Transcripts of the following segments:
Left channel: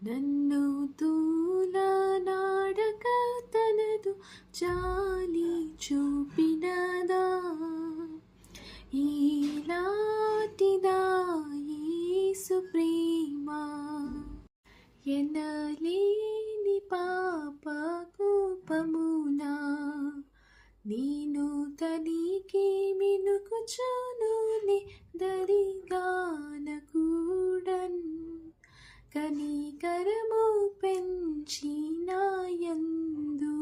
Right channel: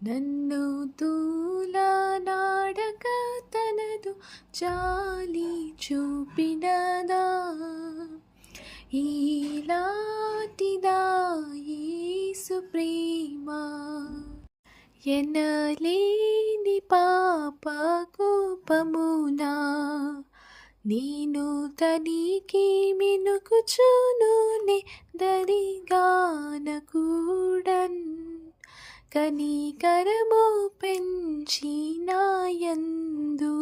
నన్ను తూలనాడక తనదు జాలి చూపినదా ఈలాటిదా యేసు ప్రేమ ఎనలేని పాప కోపమునా నేను తనికి మినుకుచునునే దరిగానకూడన్ కనికరము పెంచి నాయందు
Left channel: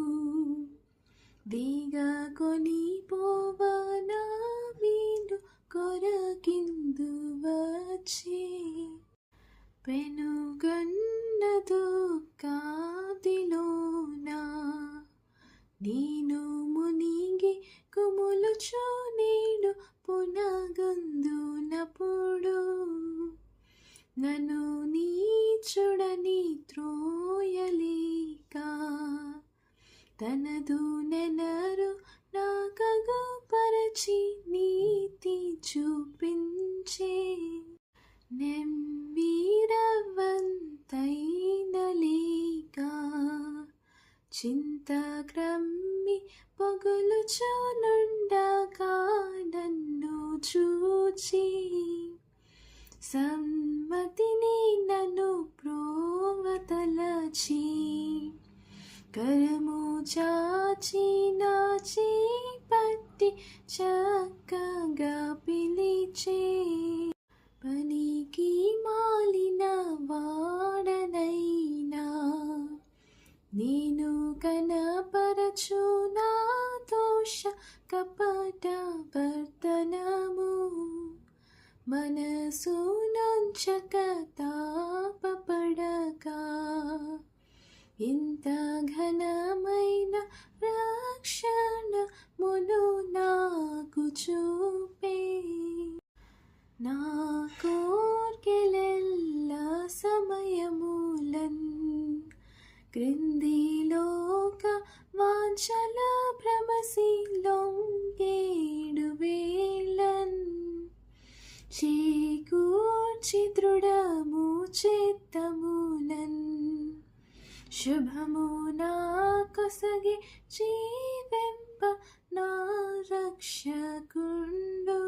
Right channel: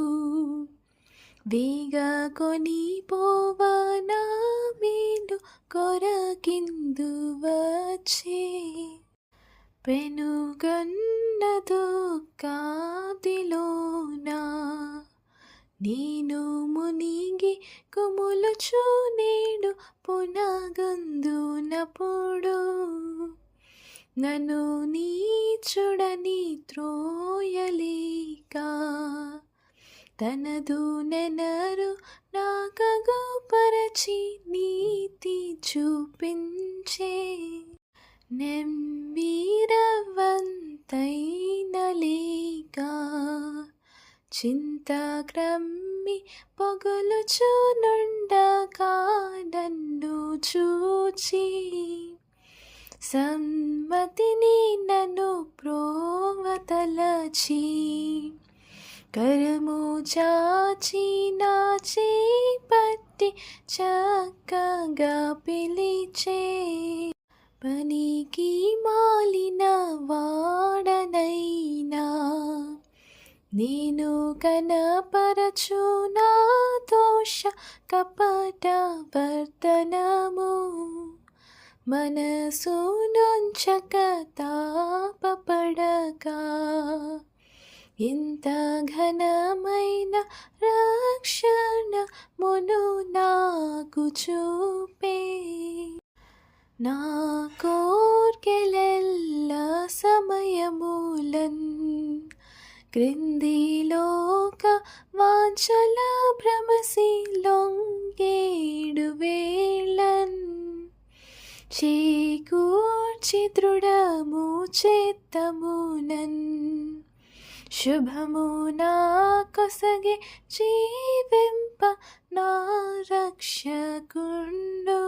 వేగ కొని పోవనా మేలు కొరకిందు వచ్చే పెనుగన్న దుఃఖాదిలోనా నేను మునిగి కుములుచు నేడు పునగందునప్పుడు నన్ను నీచుడని త్రోయలేక తనదు నెనరు నాకగు పరచి నీతి చూపించే నెమ్మీరవంతైన లేక చింత క్రమ్మి పొగలుచునుండగా నన్ను చూచి సమ్మతిని నన్ను ప్రోవతలచి కరము చాచి నా చేపట్టి చక్కగా పిలిచే పనికి మాలిన వాడనైనా నేను కనపరచు నా దోష కపట వర్తనము మనసు నుంచక తాపపడగా ఇంత ఘనమైన రక్షణ మును నాకు చూపే నా కోర్కెలెల్ల సమయములన్ క్రిందిలోక వాంఛల భ్రమసి లొంగేడు వేళన్ చేకూర్చి దృఢము చేత్తమునన్ శుభము నా కొసగే జీవింప నా రక్షకుండు